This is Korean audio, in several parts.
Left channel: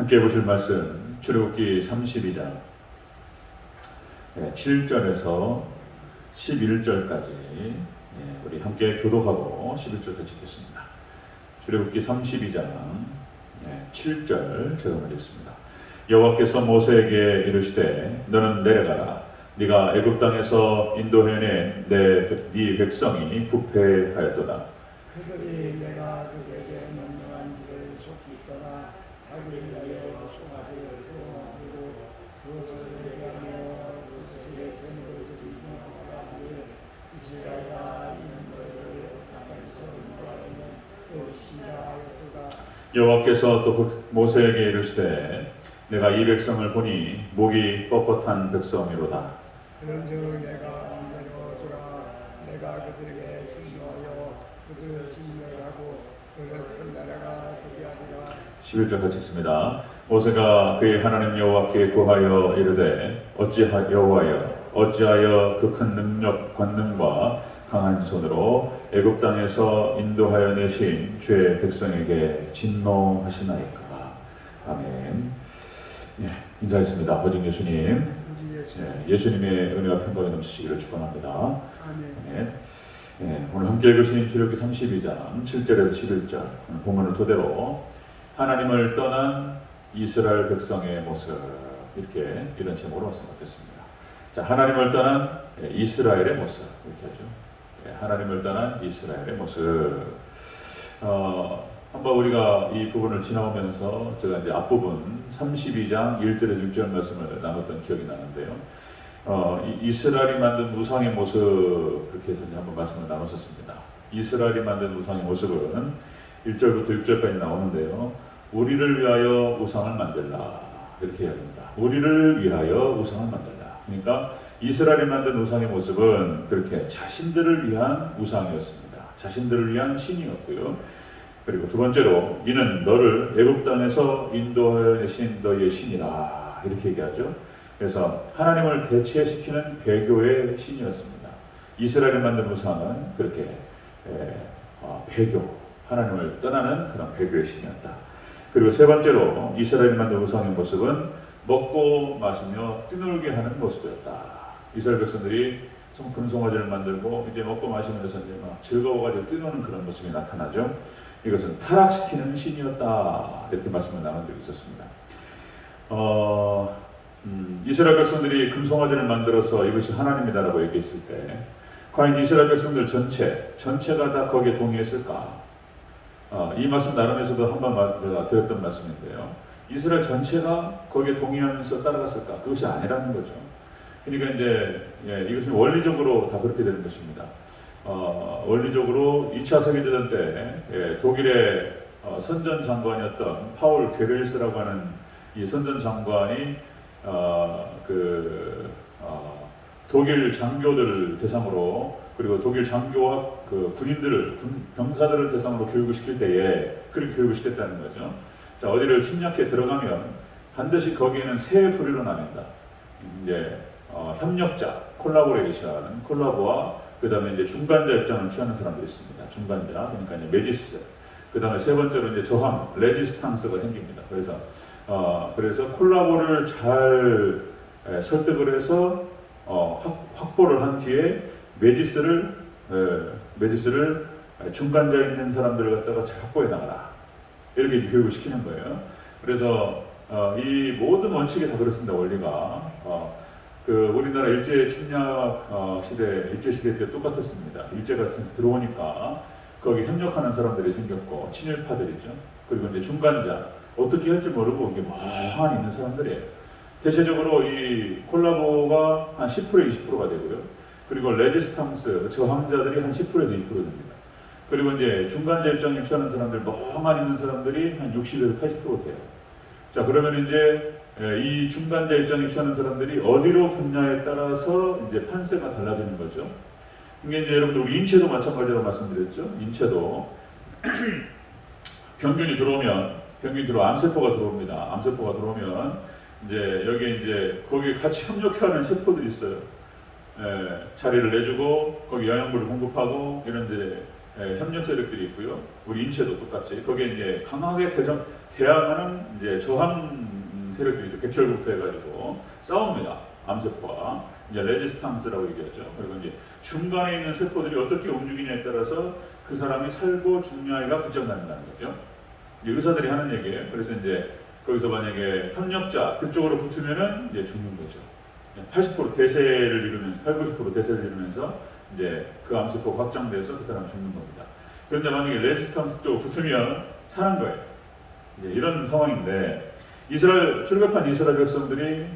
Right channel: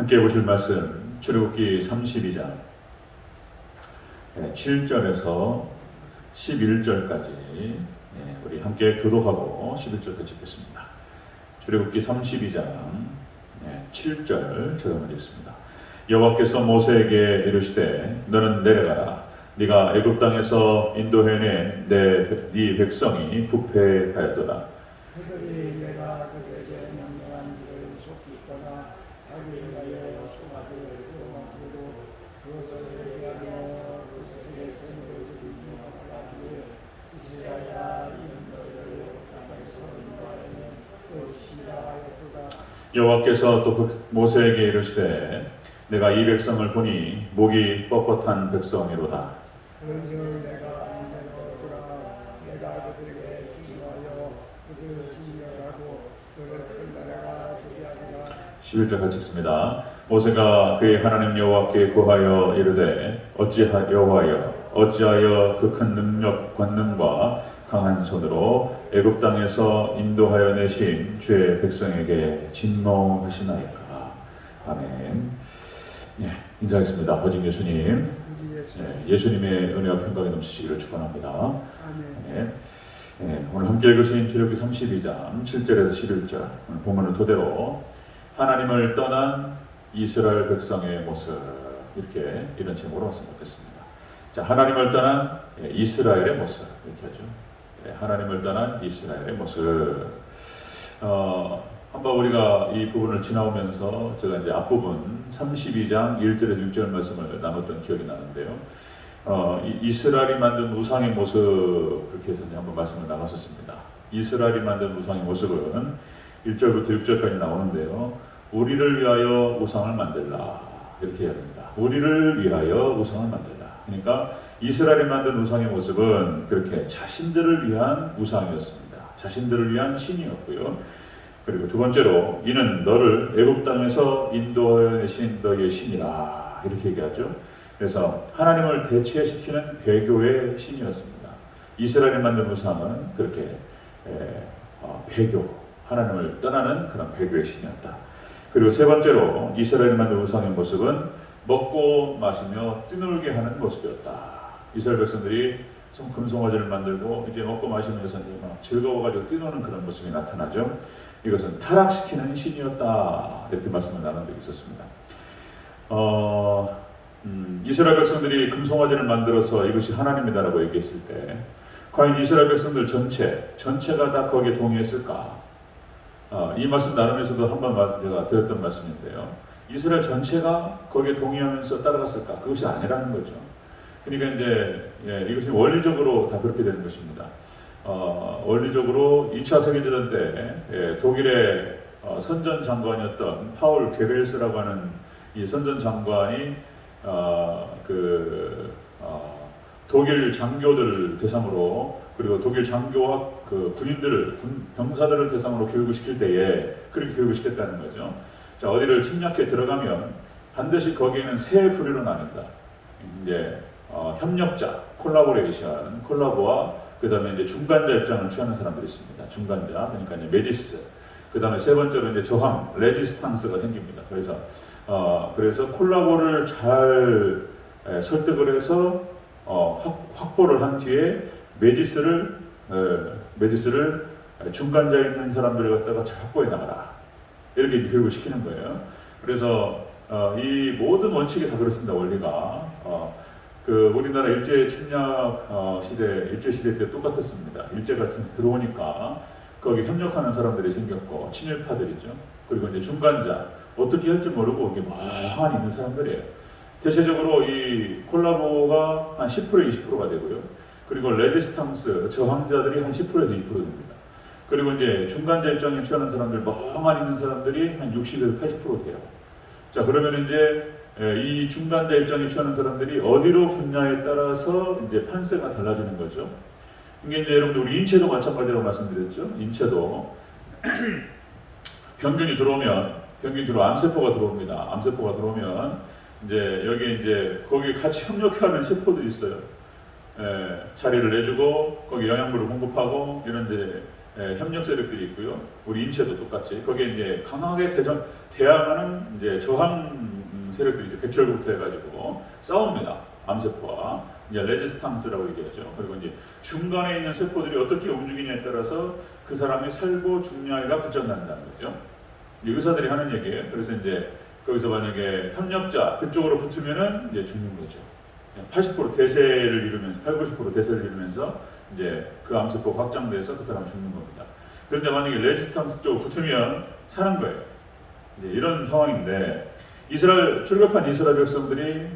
함께 보실 말씀 출애굽기 32장 7절에서 11절까지 우리 함께 교독하고 11절까지 읽겠습니다. 출애굽기 32장 7절 제가 읽겠습니다. 여호와께서 모세에게 이르시되 너는 내려가라. 네가 애굽 땅에서 인도해낸 네 백성이 부패하였도다. 그들이 내가 그들에게 명령한 길을 속히 떠나 자기를 위하여 송아지를 만들고 그것을 예배하며 그것에게 제물을 드리며 하나님의 이스라엘아 이는 너희를 땅에서 인도하여는 것이라 하였도다. 여호와께서 또 모세에게 이르시되 내가 이 백성을 보니 목이 뻣뻣한 백성이로다. 그런즉 내가 인자로 주라. 내가 그들에게 진노하여 그들을 진멸하고 그들 큰 나라가 저비하리라. 11절 같이 읽습니다. 모세가 그의 하나님 여호와께 구하여 이르되 어찌하여 그 큰 능력 권능과 강한 손으로 애굽 땅에서 인도하여 내신 주의 백성에게 진노하시나이까. 아멘. 인사하겠습니다. 보직 예수님. 예수님의 은혜와 평강이 넘치시기를 축원합니다. 아멘. 오늘 함께 읽으신 출애굽기 32장 7절에서 11절 본문을 토대로 하나님을 떠난 이스라엘 백성의 모습, 이런 제목으로 말씀을 드렸습니다. 자, 하나님을 떠난 이스라엘의 모습, 이렇게 하죠. 하나님을 떠난 이스라엘의 모습. 한번 우리가 이 부분을 지나오면서 제가 이제 앞부분 32장 1절에서 6절 말씀을 나눴던 기억이 나는데요. 이스라엘이 만든 우상의 모습, 그렇게 해서 한번 말씀을 나눴었습니다. 이스라엘이 만든 우상의 모습은 1절부터 6절까지 나오는데요. 우리를 위하여 우상을 만들라, 이렇게 이야기합니다. 우리를 위하여 우상을 만들라. 그러니까 이스라엘이 만든 우상의 모습은 그렇게 자신들을 위한 우상이었습니다. 자신들을 위한 신이었고요. 그리고 두 번째로 이는 너를 애굽 땅에서 인도하여 내신 너희의 신이라, 이렇게 얘기하죠. 그래서 하나님을 대체시키는 배교의 신이었습니다. 이스라엘이 만든 우상은 그렇게 배교, 하나님을 떠나는 그런 배교의 신이었다. 그리고 세 번째로 이스라엘이 만든 우상의 모습은 먹고 마시며 뛰놀게 하는 모습이었다. 이스라엘 백성들이 금송아지를 만들고 이제 먹고 마시면서 이제 막 즐거워가지고 뛰노는 그런 모습이 나타나죠. 이것은 타락시키는 신이었다, 이렇게 말씀을 나눈 적이 있었습니다. 이스라엘 백성들이 금송아지를 만들어서 이것이 하나님이다라고 얘기했을 때 과연 이스라엘 백성들 전체가 다 거기에 동의했을까? 이 말씀 나누면서도 한번 제가 드렸던 말씀인데요. 이스라엘 전체가 거기에 동의하면서 따라갔을까? 그것이 아니라는 거죠. 그러니까 이제 이것은 원리적으로 다 그렇게 되는 것입니다. 원리적으로 2차 세계대전 때 독일의 선전 장관이었던 파울 괴벨스라고 하는 이 선전 장관이 독일 장교들 대상으로, 그리고 독일 장교와 그 군인들을, 병사들을 대상으로 교육을 시킬 때에 그렇게 교육을 시켰다는 거죠. 자, 어디를 침략해 들어가면 반드시 거기에는 세 부류로 나뉜다. 이제 협력자, 콜라보레이션, 콜라보와 그 다음에 이제 중간자 입장을 취하는 사람들이 있습니다. 중간자, 그러니까 이제 메디스. 그 다음에 세 번째로 이제 저항, 레지스탕스가 생깁니다. 그래서 콜라보를 잘 설득을 해서 확보를 한 뒤에 메디스를 중간자에 있는 사람들을 갖다가 잘 확보해 나가라, 이렇게 교육을 시키는 거예요. 그래서 이 모든 원칙이 다 그렇습니다. 원리가 우리나라 일제 침략 일제 시대 때 똑같았습니다. 일제가 들어오니까 거기 협력하는 사람들이 생겼고, 친일파들이죠. 그리고 이제 중간자, 어떻게 할지 모르고 이게 멍하니 있는 사람들이에요. 대체적으로 이 콜라보가 한 10% 20%가 되고요. 그리고 레지스탕스, 저항자들이 한 10%에서 2% 됩니다. 그리고 이제 중간자 입장에 취하는 사람들, 멍하니 있는 사람들이 한 60에서 80% 돼요. 자, 그러면 이제 이 중간자 입장에 취하는 사람들이 어디로 붙냐에 따라서 이제 판세가 달라지는 거죠. 이게 이제 여러분들 우리 인체도 마찬가지라고 말씀드렸죠. 인체도 병균이 들어오면 암세포가 들어옵니다. 암세포가 들어오면 이제 여기에 이제 거기에 같이 협력하는 세포들이 있어요. 자리를 내주고 거기 영양분을 공급하고 이런 이제 협력 세력들이 있고요. 우리 인체도 똑같이 거기에 이제 강하게 대항하는 이제 저항 세력들이 이제 백혈구부터 해가지고 싸웁니다. 암세포와 이제 레지스탕스라고 얘기하죠. 그리고 이제 중간에 있는 세포들이 어떻게 움직이냐에 따라서 그 사람이 살고 죽냐가 결정난다는 거죠. 이제 의사들이 하는 얘기예요. 그래서 이제 거기서 만약에 협력자 그쪽으로 붙으면은 이제 죽는 거죠. 80% 대세를 이루면서 80, 90% 대세를 이루면서 이제 그 암세포가 확장돼서 그 사람이 죽는 겁니다. 그런데 만약에 레지스탕스 쪽으로 붙으면 사는 거예요. 이제 이런 상황인데 출애굽한 이스라엘 백성들이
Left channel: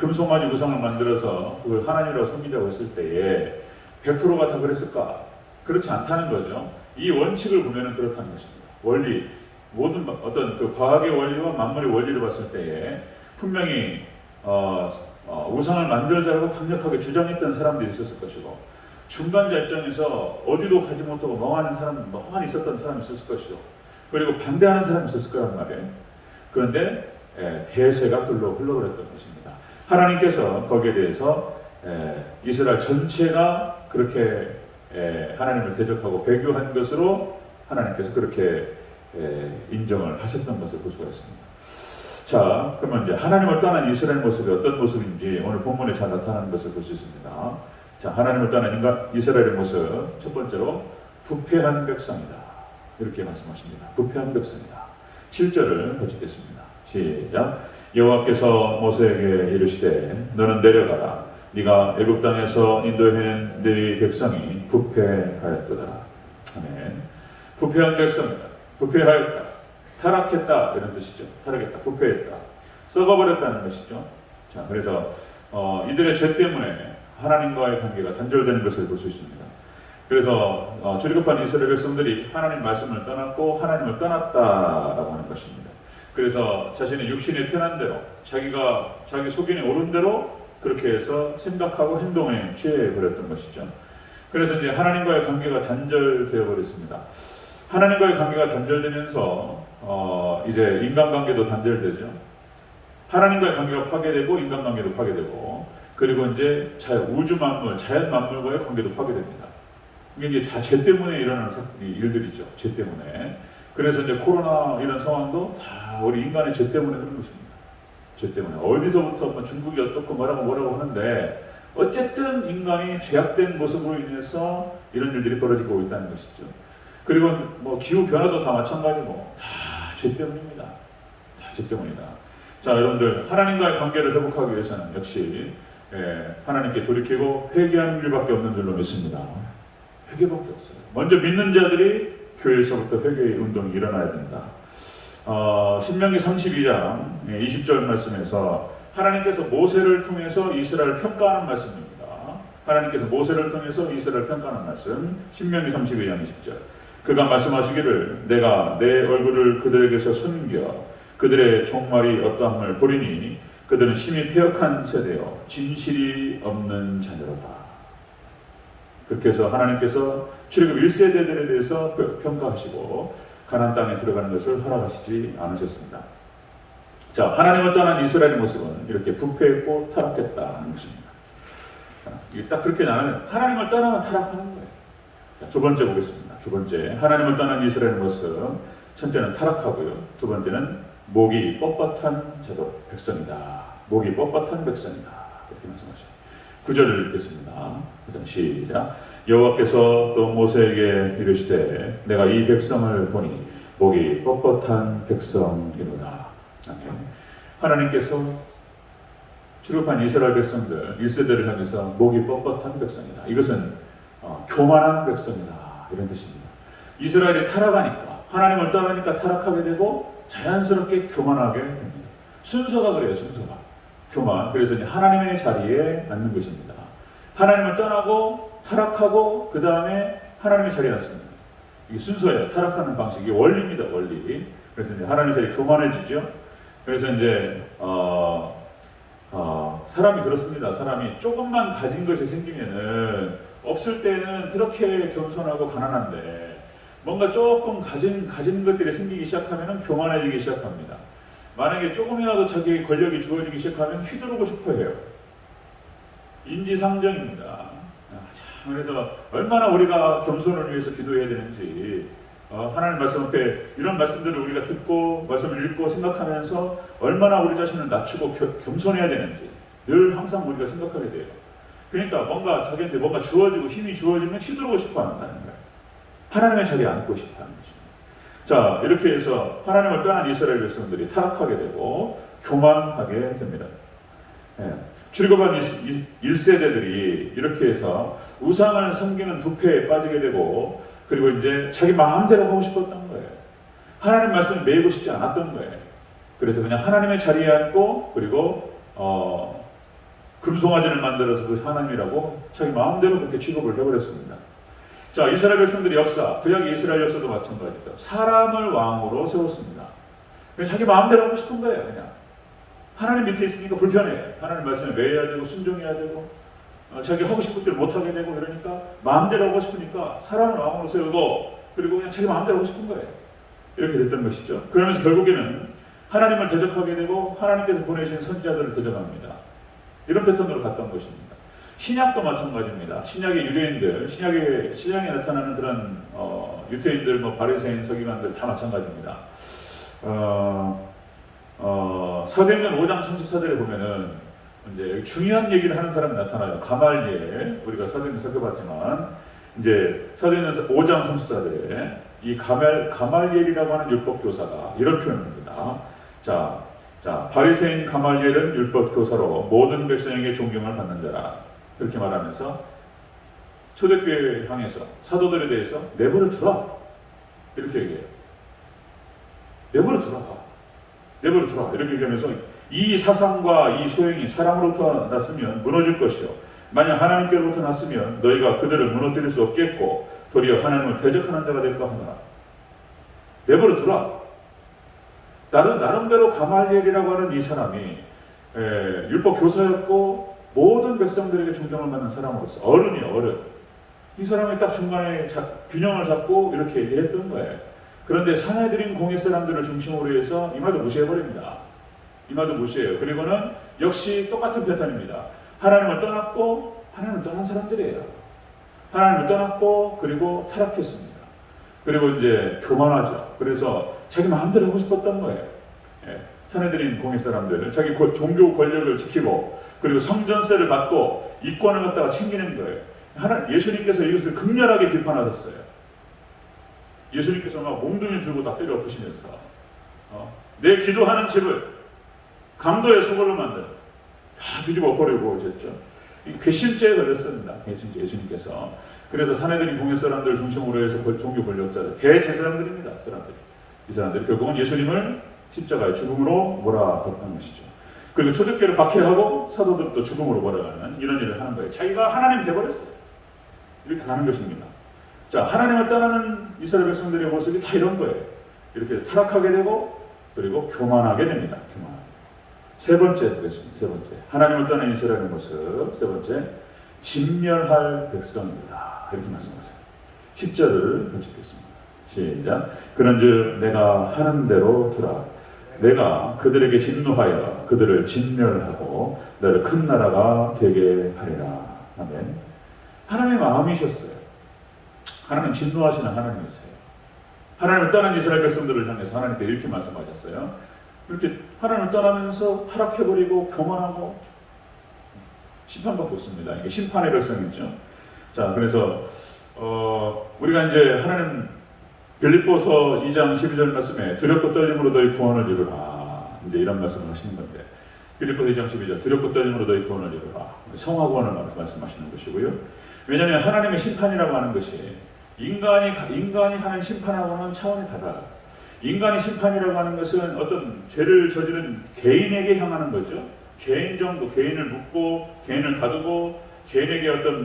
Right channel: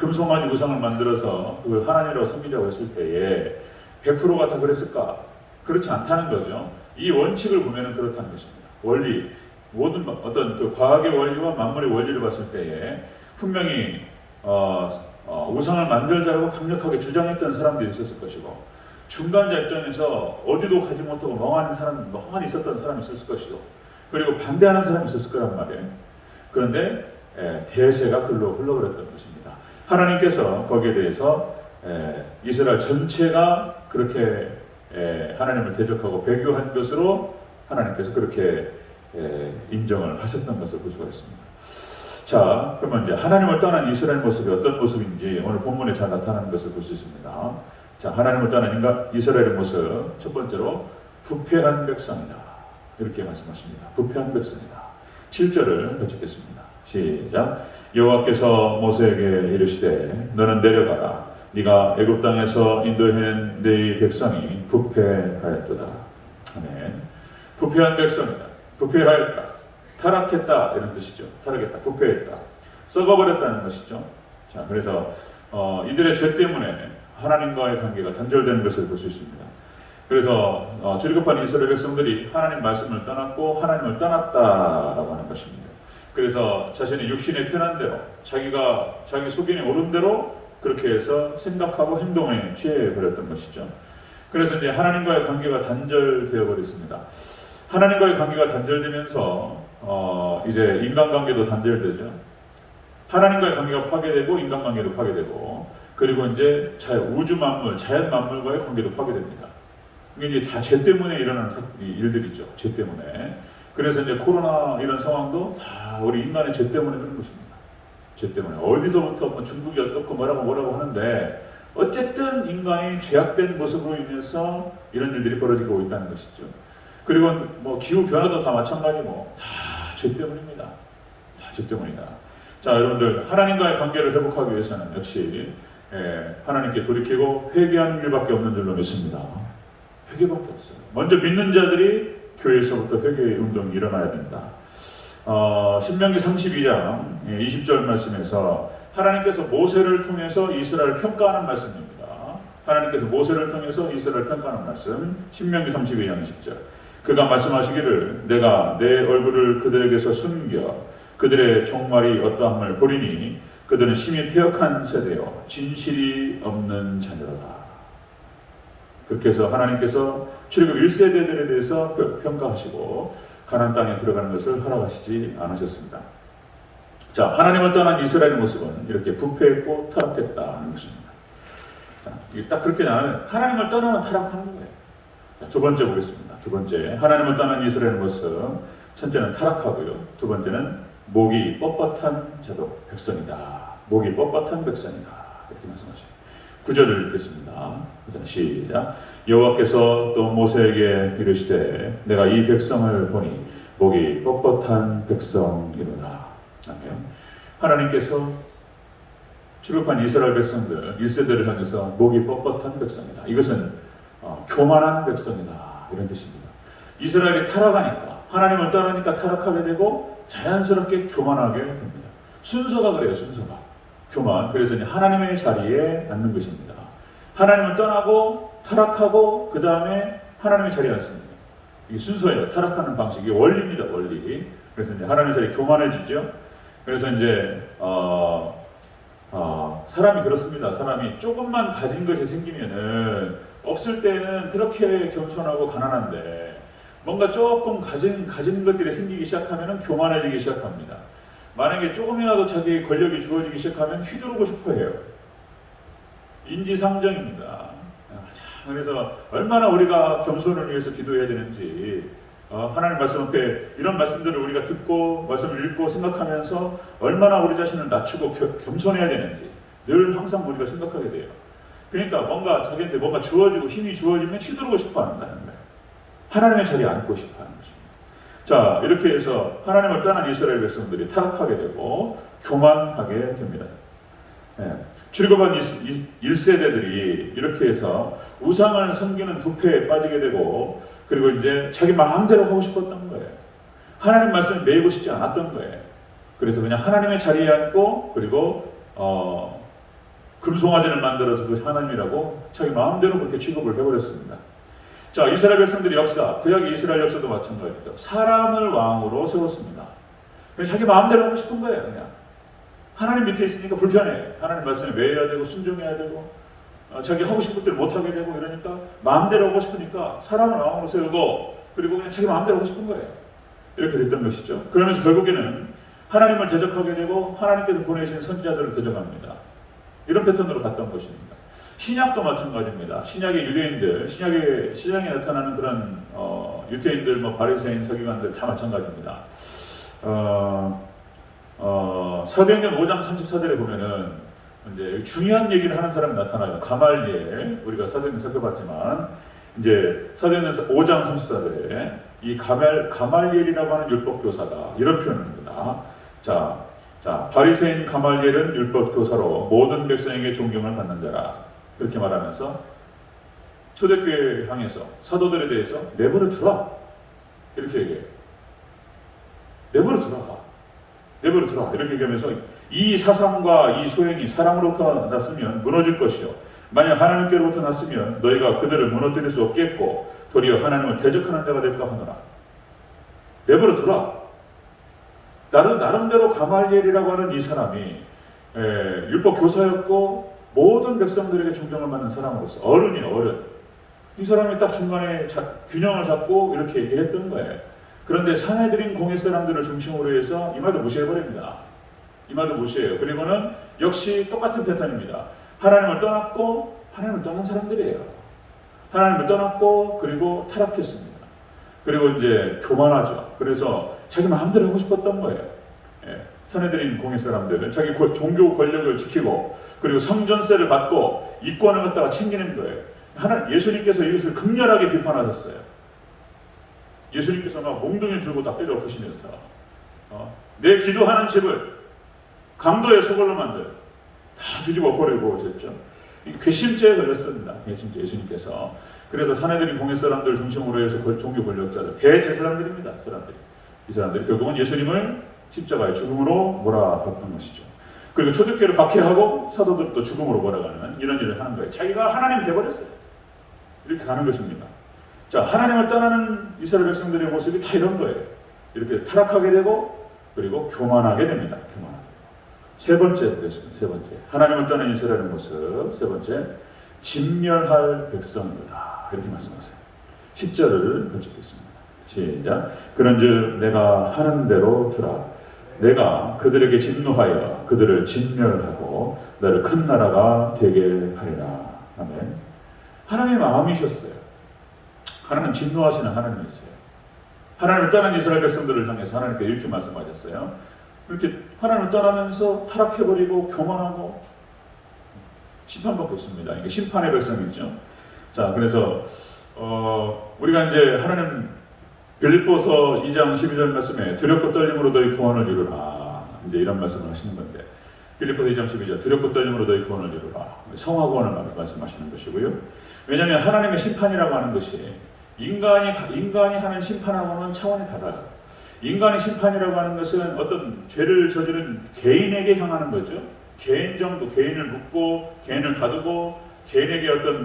금송아지 우상을 만들어서 그걸 하나님이라고 섬기자고 했을 때에 100%가 다 그랬을까? 그렇지 않다는 거죠. 이 원칙을 보면은 그렇다는 것입니다. 원리, 모든 어떤 그 과학의 원리와 만물의 원리를 봤을 때에 분명히 우상을 만들자고 강력하게 주장했던 사람들이 있었을 것이고 중간자 입장에서 어디도 가지 못하고 멍하니 있었던 사람이 있었을 것이고 그리고 반대하는 사람이 있었을 거란 말이에요. 그런데 대세가 글로 흘러버렸던 것입니다. 하나님께서 거기에 대해서 이스라엘 전체가 그렇게 하나님을 대적하고 배교한 것으로 하나님께서 그렇게 인정을 하셨던 것을 볼 수가 있습니다. 자, 그러면 이제 하나님을 떠난 이스라엘 모습이 어떤 모습인지 오늘 본문에 잘 나타나는 것을 볼 수 있습니다. 자, 하나님을 떠난 이스라엘의 모습 첫 번째로 부패한 백성이다. 이렇게 말씀하십니다. 부패한 백성이다. 7절을 같이 읽겠습니다. 시작. 여호와께서 모세에게 이르시되 너는 내려가라. 네가 애굽 땅에서 인도해낸 네 백성이 부패하였도다. 아멘. 부패한 백성이다. 부패하였다. 타락했다 이런 뜻이죠. 타락했다. 부패했다. 썩어버렸다는 것이죠. 자, 그래서 이들의 죄 때문에 하나님과의 관계가 단절되는 것을 볼 수 있습니다. 그래서 출애굽한 이스라엘 백성들이 하나님 말씀을 떠났고 하나님을 떠났다라고 하는 것입니다. 그래서 자신의 육신에 편한 대로 자기 속인에 오른 대로 그렇게 해서 생각하고 행동에 취해 버렸던 것이죠. 그래서 이제 하나님과의 관계가 단절되어 버렸습니다. 하나님과의 관계가 단절되면서 이제 인간관계도 단절되죠. 하나님과의 관계가 파괴되고 인간관계도 파괴되고 그리고 이제 우주 만물, 자연 만물과의 관계도 파괴됩니다. 이게 이제 다 죄 때문에 일어나는 일들이죠. 죄 때문에. 그래서 이제 코로나 이런 상황도 다 우리 인간의 죄 때문에 그런 것입니다. 죄 때문에. 어디서부터 중국이 어떻고 뭐라고 하는데 어쨌든 인간이 죄악된 모습으로 인해서 이런 일들이 벌어지고 있다는 것이죠. 그리고 뭐 기후 변화도 다 마찬가지고 다 죄 때문입니다. 다 죄 때문이다. 자, 여러분들 하나님과의 관계를 회복하기 위해서는 역시 하나님께 돌이키고 회개하는 일밖에 없는 줄로 믿습니다. 회개밖에 없어요. 먼저 믿는 자들이 교회에서부터 회개의 운동이 일어나야 된다. 신명기 32장 20절 말씀에서 하나님께서 모세를 통해서 이스라엘을 평가하는 말씀입니다. 하나님께서 모세를 통해서 이스라엘을 평가하는 말씀 신명기 32장 20절 그가 말씀하시기를 내가 내 얼굴을 그들에게서 숨겨 그들의 종말이 어떠함을 보리니 그들은 심히 패역한 세대요 진실이 없는 자녀로다. 그렇게 해서 하나님께서 출애굽 1세대들에 대해서 평가하시고 가나안 땅에 들어가는 것을 허락하시지 않으셨습니다. 자, 하나님을 떠난 이스라엘의 모습은 이렇게 부패했고 타락했다는 것입니다. 자, 이게 딱 그렇게 나는 하나님을 떠나면 타락하는 거예요. 자, 두 번째 보겠습니다. 두 번째, 하나님을 떠난 이스라엘의 모습. 첫째는 타락하고요. 두 번째는 목이 뻣뻣한 자도 백성이다. 목이 뻣뻣한 백성이다. 이렇게 말씀하죠. 9절을 읽겠습니다. 시작. 여호와께서 또 모세에게 이르시되 내가 이 백성을 보니 목이 뻣뻣한 백성이로다. 하나님께서 출애굽한 이스라엘 백성들 1세대를 향해서 목이 뻣뻣한 백성이다. 이것은 교만한 백성이다. 이런 뜻입니다. 이스라엘이 타락하니까 하나님을 떠나니까 타락하게 되고 자연스럽게 교만하게 됩니다. 순서가 그래요. 순서가 교만. 그래서 이제 하나님의 자리에 앉는 것입니다. 하나님을 떠나고 타락하고 그 다음에 하나님의 자리에 앉습니다. 이게 순서예요. 타락하는 방식. 이게 원리입니다. 원리. 그래서 이제 하나님의 자리에 교만해지죠. 그래서 이제 사람이 그렇습니다. 사람이 조금만 가진 것이 생기면은 없을 때는 그렇게 겸손하고 가난한데 뭔가 조금 가진 것들이 생기기 시작하면은 교만해지기 시작합니다. 만약에 조금이라도 자기의 권력이 주어지기 시작하면 휘두르고 싶어 해요. 인지상정입니다. 그래서 얼마나 우리가 겸손을 위해서 기도해야 되는지 하나님 말씀 앞에 이런 말씀들을 우리가 듣고 말씀을 읽고 생각하면서 얼마나 우리 자신을 낮추고 겸손해야 되는지 늘 항상 우리가 생각하게 돼요. 그러니까 뭔가 자기한테 뭔가 주어지고 힘이 주어지면 휘두르고 싶어 한다는 거예요. 하나님의 자리에 앉고 싶어 하는 것입니다. 자, 이렇게 해서 하나님을 떠난 이스라엘 백성들이 타락하게 되고 교만하게 됩니다. 출애굽한 1세대들이 이렇게 해서 우상을 섬기는 부패에 빠지게 되고 그리고 이제 자기 마음대로 하고 싶었던 거예요. 하나님 말씀을 매이고 싶지 않았던 거예요. 그래서 그냥 하나님의 자리에 앉고 그리고 금송아지를 만들어서 그 하나님이라고 자기 마음대로 그렇게 취급을 해버렸습니다. 자, 이스라엘 백성들의 역사, 구약의 이스라엘 역사도 마찬가지입니다. 사람을 왕으로 세웠습니다. 그냥 자기 마음대로 하고 싶은 거예요. 그냥 하나님 밑에 있으니까 불편해. 하나님 말씀에 매여야 되고 순종해야 되고 자기 하고 싶은 것들 못하게 되고 이러니까 마음대로 하고 싶으니까 사람을 왕으로 세우고 그리고 그냥 자기 마음대로 하고 싶은 거예요. 이렇게 됐던 것이죠. 그러면서 결국에는 하나님을 대적하게 되고 하나님께서 보내신 선지자들을 대적합니다. 이런 패턴으로 갔던 것입니다. 신약도 마찬가지입니다. 신약의 유대인들, 신약에 나타나는 그런 유대인들, 바리새인, 서기관들 다 마찬가지입니다. 사도행전 5장 34절에 보면은 이제 중요한 얘기를 하는 사람이 나타나요. 가말리엘, 우리가 사도행전 살펴봤지만 이제 사도행전 5장 34절에 이 가말리엘이라고 하는 율법 교사가 이런 표현입니다. 자, 바리새인 가말리엘은 율법 교사로 모든 백성에게 존경을 받는 자라. 이렇게 말하면서 초대교회 향해서 사도들에 대해서 내버려 두라. 이렇게 얘기해요. 내버려 두라. 이렇게 얘기하면서 이 사상과 이 소행이 사람으로부터 났으면 무너질 것이요. 만약 하나님께로부터 났으면 너희가 그들을 무너뜨릴 수 없겠고 도리어 하나님을 대적하는 자가 될까 하노라. 내버려 두라. 나름대로 가말리엘이라고 하는 이 사람이 율법 교사였고 모든 백성들에게 존경을 받는 사람으로서 어른이에요. 어른. 이 사람이 딱 중간에 균형을 잡고 이렇게 얘기했던 거예요. 그런데 사내들인 공회 사람들을 중심으로 해서 이 말도 무시해버립니다. 이 말도 무시해요. 그리고는 역시 똑같은 패턴입니다. 하나님을 떠났고 하나님을 떠난 사람들이에요. 하나님을 떠났고 그리고 타락했습니다. 그리고 이제 교만하죠. 그래서 자기 마음대로 하고 싶었던 거예요. 사내들인 공회 사람들은 자기 종교 권력을 지키고 그리고 성전세를 받고 이권을 갖다가 챙기는 거예요. 예수님께서 이것을 극렬하게 비판하셨어요. 예수님께서 막 몽둥이 들고 다 때려 부시면서 내 기도하는 집을 강도의 소굴로 만들 다 뒤집어 버리고 오셨죠. 괘씸죄에 걸렸습니다. 괘씸죄 예수님께서. 그래서 사내들인 공회 사람들 중심으로 해서 종교 권력자들 대제사장들입니다. 이 사람들이 결국은 예수님을 십자가의 죽음으로 몰아갔던 것이죠. 그리고 초대교회를 박해하고 사도들도 죽음으로 몰아가는 이런 일을 하는 거예요. 자기가 하나님 돼버렸어요. 이렇게 가는 것입니다. 자, 하나님을 떠나는 이스라엘 백성들의 모습이 다 이런 거예요. 이렇게 타락하게 되고 그리고 교만하게 됩니다. 교만하게. 세 번째 보겠습니다. 세 번째. 하나님을 떠난 이스라엘의 모습. 세 번째. 진멸할 백성이다. 이렇게 말씀하세요. 10절을 같이 읽겠습니다. 시작. 그런즉 내가 하는 대로 들으라. 내가 그들에게 진노하여 그들을 진멸하고 너를 큰 나라가 되게 하리라. 아멘. 하나님의 마음이셨어요. 하나님 진노하시는 하나님이었어요. 하나님을 떠난 이스라엘 백성들을 향해서 하나님께 이렇게 말씀하셨어요. 이렇게 하나님을 떠나면서 타락해버리고 교만하고 심판받고 있습니다. 이게 심판의 백성이죠. 자, 그래서 우리가 이제 하나님 빌립보서 2장 12절 말씀에 두렵고 떨림으로 너희 구원을 이루라. 이제 이런 말씀을 하시는 건데 빌립보서 2장 12절 두렵고 떨림으로 너희 구원을 이루라. 성화 구원을 말씀하시는 것이고요. 왜냐하면 하나님의 심판이라고 하는 것이 인간이 하는 심판하고는 차원이 달라요. 인간의 심판이라고 하는 것은 어떤 죄를 저지른 개인에게 향하는 거죠. 개인 정도, 개인을 묻고 개인을 가두고 개인에게 어떤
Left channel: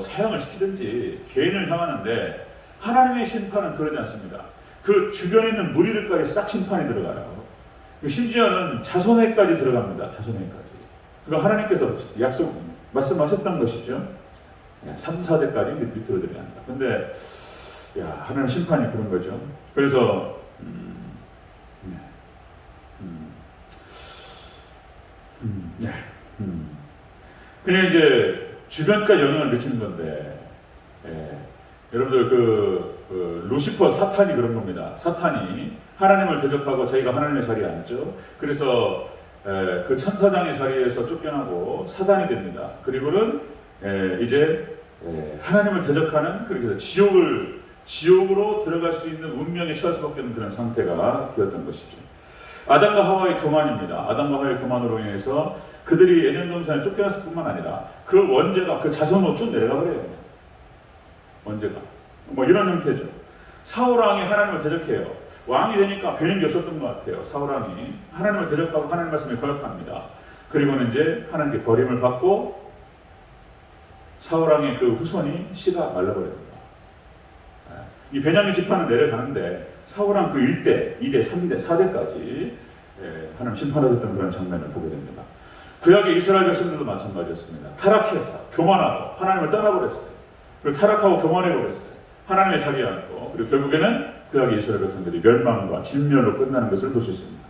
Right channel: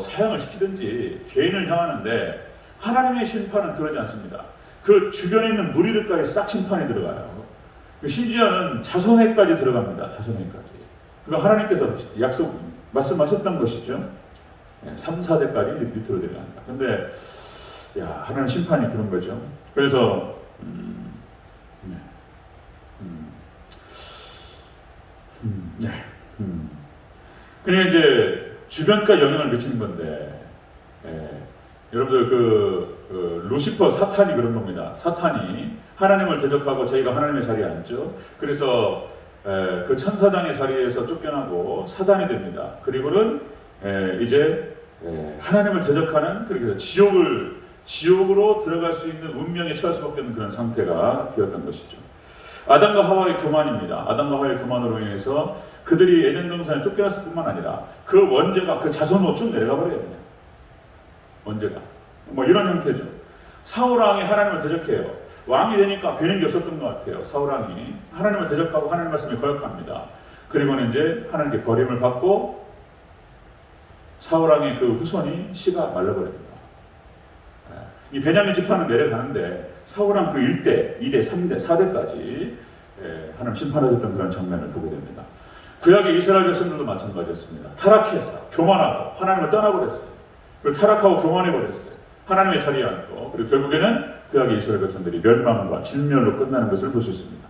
사형을 시키든지 개인을 향하는데 하나님의 심판은 그러지 않습니다. 그 주변에 있는 무리들까지 싹 심판이 들어가요. 심지어는 자손에까지 들어갑니다. 자손에까지. 그러니까 하나님께서 말씀하셨던 것이죠. 3, 4대까지 밑으로 내려간다. 근데 하나님 심판이 그런 거죠. 그래서 그냥 이제 주변까지 영향을 미치는 건데 여러분들 그 루시퍼 사탄이 그런 겁니다. 사탄이 하나님을 대적하고 자기가 하나님의 자리에 앉죠. 그래서 그 천사장의 자리에서 쫓겨나고 사단이 됩니다. 그리고는 이제 하나님을 대적하는 그래서 지옥으로 들어갈 수 있는 운명에 처할 수밖에 없는 그런 상태가 되었던 것이죠. 아담과 하와의 교만입니다. 아담과 하와의 교만으로 인해서 그들이 에덴 동산에 쫓겨났을 뿐만 아니라 그 원죄가 그 자손으로 쭉 내려가 버려요. 원죄가 뭐 이런 형태죠. 사울 왕이 하나님을 대적해요. 왕이 되니까 배는 게 없었던 것 같아요. 사울 왕이 하나님을 대적하고 하나님 말씀에 거역합니다. 그리고는 이제 하나님께 버림을 받고 사울 왕의 그 후손이 씨가 말라버립니다. 이 베냐민 지파는 내려가는데 사울 왕 그 1대, 2대, 3대, 4대까지 하나님 심판하셨던 그런 장면을 보게 됩니다. 구약의 이스라엘 백성들도 마찬가지였습니다. 타락해서 교만하고 하나님을 떠나버렸어요. 그리고 타락하고 교만해버렸어요. 하나님의 자리에 앉고 그리고 결국에는 구약의 이스라엘 백성들이 멸망과 진멸로 끝나는 것을 볼 수 있습니다.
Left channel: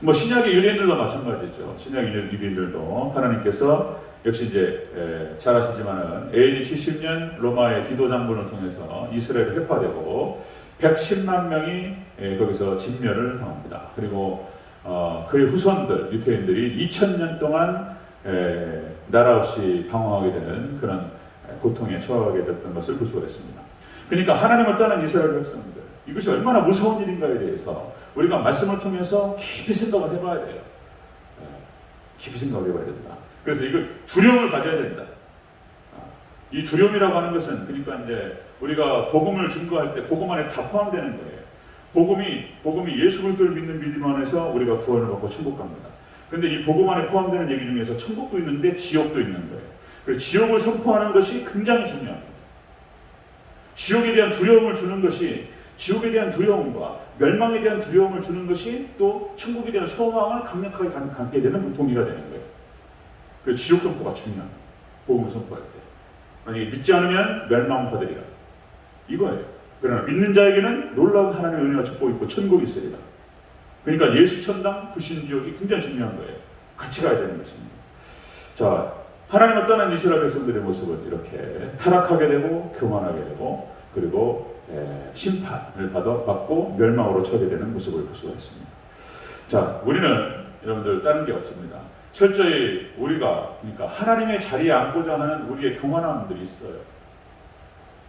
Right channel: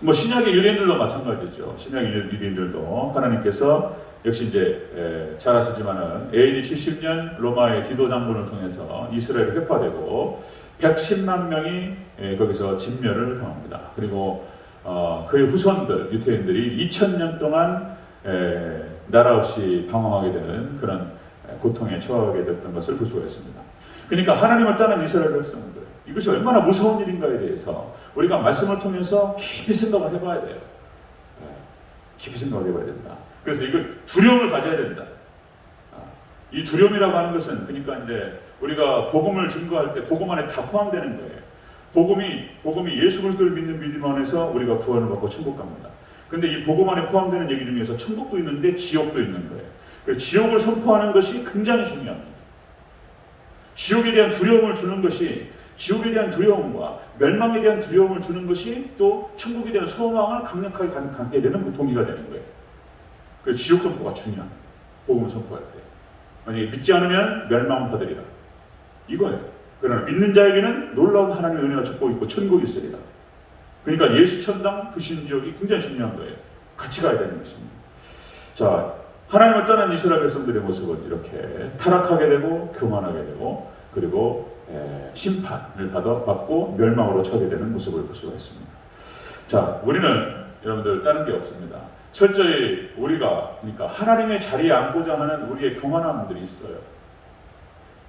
뭐 신약의 유대인들도 마찬가지죠. 신약의 유대인들도 하나님께서 역시 이제 잘 아시지만은 AD 70년 로마의 디도 장군을 통해서 이스라엘이 회파되고 110만 명이 거기서 진멸을 당합니다. 그리고 그의 후손들 유대인들이 2000년 동안 나라 없이 방황하게 되는 그런 고통에 처하게 됐던 것을 볼 수가 있습니다. 그러니까 하나님을 떠난 이스라엘 백성들 이것이 얼마나 무서운 일인가에 대해서 우리가 말씀을 통해서 깊이 생각을 해봐야 돼요. 깊이 생각을 해봐야 된다. 그래서 이걸 두려움을 가져야 된다. 이 두려움이라고 하는 것은 그러니까 이제 우리가 복음을 증거할 때 복음 안에 다 포함되는 거예요. 복음이 예수 그리스도를 믿는 믿음 안에서 우리가 구원을 받고 천국 갑니다. 그런데 이 복음 안에 포함되는 얘기 중에서 천국도 있는데 지옥도 있는 거예요. 그래서 지옥을 선포하는 것이 굉장히 중요합니다. 지옥에 대한 두려움을 주는 것이 지옥에 대한 두려움과 멸망에 대한 두려움을 주는 것이 또 천국에 대한 소망을 강력하게 갖게 되는 동기가 되는 거예요. 그래서 지옥 선포가 중요합니다. 복음을 선포할 때. 만약에 믿지 않으면 멸망을 받으리라. 이거예요. 그러나 믿는 자에게는 놀라운 하나님의 은혜가 축복이 있고 천국이 있으리라. 그러니까 예수 천당 불신지옥이 굉장히 중요한 거예요. 같이 가야 되는 것입니다. 자, 하나님을 떠난 이스라엘 백성들의 모습은 이렇게 타락하게 되고 교만하게 되고 그리고 심판을 받고 멸망으로 처하게 되는 모습을 볼 수가 있습니다. 자, 우리는 여러분들 다른 게 없습니다. 철저히 우리가 그러니까 하나님의 자리에 앉고자 하는 우리의 교만함들이 있어요.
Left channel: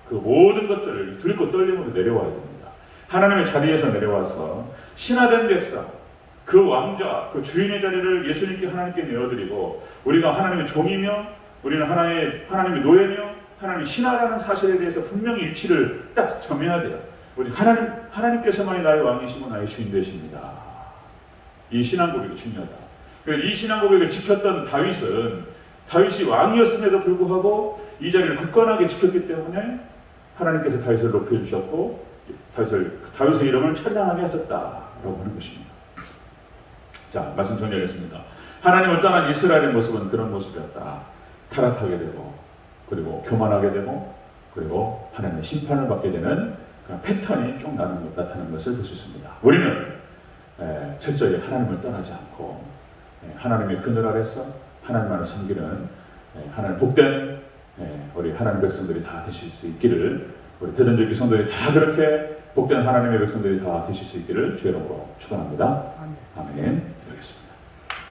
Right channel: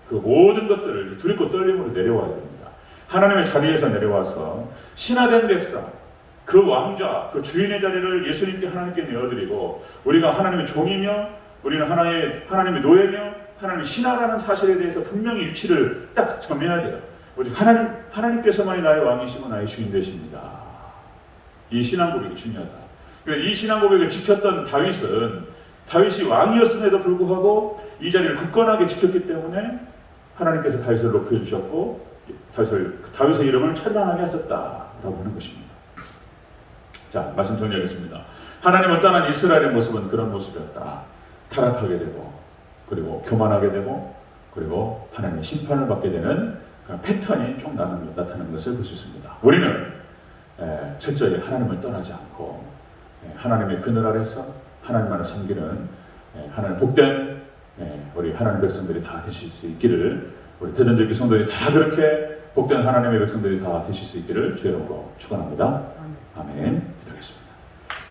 그 모든 것들을 두렵고 떨림으로 내려와야 됩니다. 하나님의 자리에서 내려와서 신화된 백성, 그 왕자, 그 주인의 자리를 예수님께 하나님께 내어드리고 우리가 하나님의 종이며 우리는 하나님의 노예며 하나님의 신하라는 사실에 대해서 분명히 위치를 딱 점해야 돼요. 우리 하나님께서만이 나의 왕이시고 나의 주인 되십니다. 이 신앙 고백이 중요하다. 이 신앙 고백을 지켰던 다윗이 왕이었음에도 불구하고 이 자리를 굳건하게 지켰기 때문에 하나님께서 다윗을 높여주셨고 다윗의 이름을 찬양하게 하셨다라고 하는 것입니다. 자, 말씀 정리하겠습니다. 하나님을 떠난 이스라엘의 모습은 그런 모습이었다. 타락하게 되고 그리고 교만하게 되고 그리고 하나님의 심판을 받게 되는 그런 패턴이 쭉 나타나는 것을 볼 수 있습니다. 우리는 철저히 하나님을 떠나지 않고 하나님의 그늘 아래서 하나님만을 섬기는 하나님 복된 우리 하나님 백성들이 다 되실 수 있기를 우리 대전적인 성도들이 다 그렇게 복된 하나님의 백성들이 다 되실 수 있기를 주의 이름으로 축원합니다. 아멘. 기도하겠습니다.